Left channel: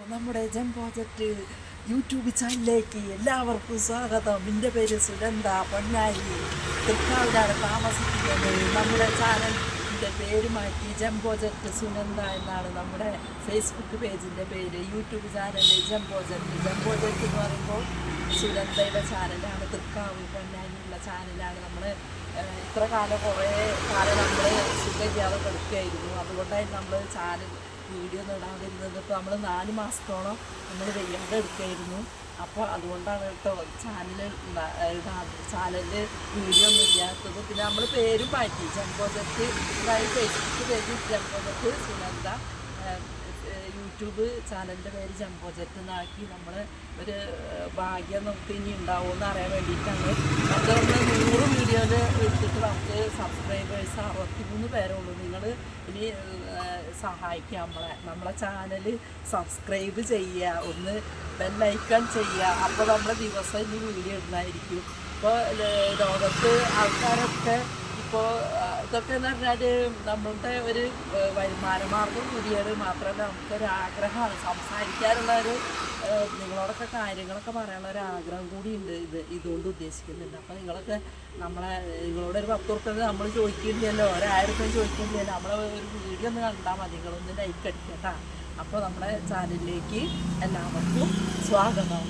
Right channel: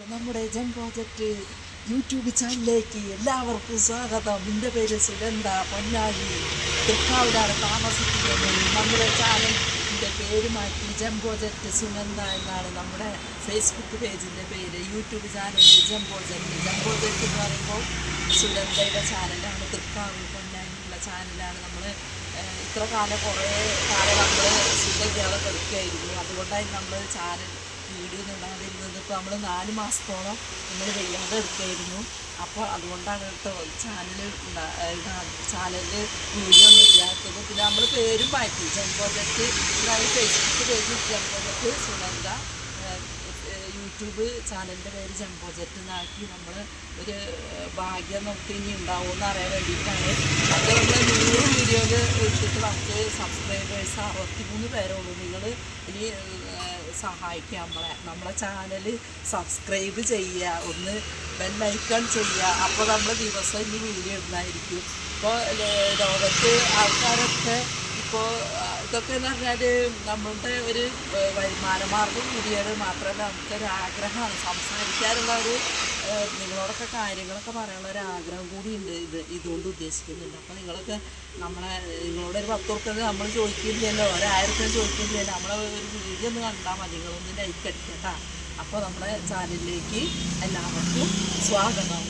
നമ്മുടെ ജം project YouTube ചാനലിലേക്ക് എല്ലാവർക്കും സ്വാഗതം. എൻ്റെ പേര് സുഗന്ധ പൊന്നായി, തൃക്കാവിലാണ് താമസിക്കുന്നത്. നമ്മുടെ ചാനലിൻ്റെ പേര് മാറ്റി ജം പ്രോജക്റ്റ് സുനന്ദ എന്നാണ് നമ്മുടെ ഫേസ്ബുക്ക് പേജിൻ്റെ പേര്. യൂട്യൂബ് ചാനൽ ജം പ്രോജക്റ്റ് എന്ന് പറയുമ്പോൾ സുനന്ദയുടെ ചാനലാണ്. തൃക്കാവ് പൊന്നായിയുള്ള ചാനലാണ്. നമ്മൾ ഇത്ര കാലം കുറേ കാലം നമ്മൾ സുഖമില്ലാതെ കിടക്കുകയായിരുന്നു. അതുകൊണ്ടായിരുന്നു നമ്മൾ ചാനൽ വീഡിയോ ഒന്നും ഇടാതിരുന്നത്. ഇപ്പോൾ നമ്മൾ 4 മാസത്തോളം നമ്മൾ വയ്യാതെ എടുക്കുകയായിരുന്നു. അപ്പോൾ അതുകൊണ്ടാണ് കേട്ടോ ചാനലിൽ വീഡിയോ ഒന്നും ഇല്ലാത്തത്. പിന്നെ നമ്മൾ പേരും മാറ്റി ജം പ്രോജക്റ്റ്, അതായത് ഫേസ്ബുക്ക് പേജ് ജം പ്രോജക്റ്റ് സുനന്ദ, യൂട്യൂബ് ചാനലിൻ്റെ പേര് ജം പ്രോജക്റ്റ് എന്നാക്കി. നമ്മൾ ഒരു ഭാഗ്യം നമുക്ക് ഇനി ഉണ്ടാവുമെന്ന് അറിയാൻ വേണ്ടിയിട്ടാണ്. അത് നമ്മൾ 100 വീഡിയോയിൽ എടുത്തിട്ട് നമുക്ക് സബ്സ്ക്രൈബേഴ്സ് 63 പേരേ ഉള്ളൂ. നിങ്ങൾ ഇനി സഹായിക്കുക, നമ്മളെ ചാനൽ സബ്സ്ക്രൈബ് ചെയ്യുക, ഒന്ന് ബെല്ലൈക്കൺ ചെയ്യുക. അപ്പോൾ നമ്മൾ ദിവസം ഇനി വീഡിയോ ഇടുന്നതായിരിക്കും. ഇപ്പോൾ ലോകത്ത് ആൾക്കാരൊക്കെ ഇപ്പോൾ ഇതൊക്കെ എന്ന് പറഞ്ഞാൽ നമ്മളുടെ ഒരു വരുമാന മാർഗം കൂടിയത് മാത്രമല്ല, നമുക്കൊരു ആഗ്രഹമാണ് സംസാരിക്കാനുള്ള ഒരു നിങ്ങളോടൊക്കെ കാര്യങ്ങളൊക്കെ പറയാനുള്ള ഒരു ആഗ്രഹം കൂടിയുണ്ട്. ഇതുകൊണ്ട് ഉദ്ദേശിക്കുന്നുണ്ട്. അപ്പോൾ നിങ്ങളൊക്കെ നിങ്ങളോടൊരു 10 ഉറുപ്പിക നമ്മൾ ചോദിക്കില്ലല്ലോ, 1000 ഉറുപ്പിക ചോദിക്കില്ലല്ലോ. നമ്മളെ ഒരു വീഡിയോ ഒന്ന് കണ്ടാൽ മതി, നിങ്ങളൊന്ന് ലൈക്ക് അടിക്കുക കേട്ടോ. അപ്പോൾ നമ്മുടെ ചാനലിലേക്ക് എല്ലാവർക്കും സ്വാഗതം.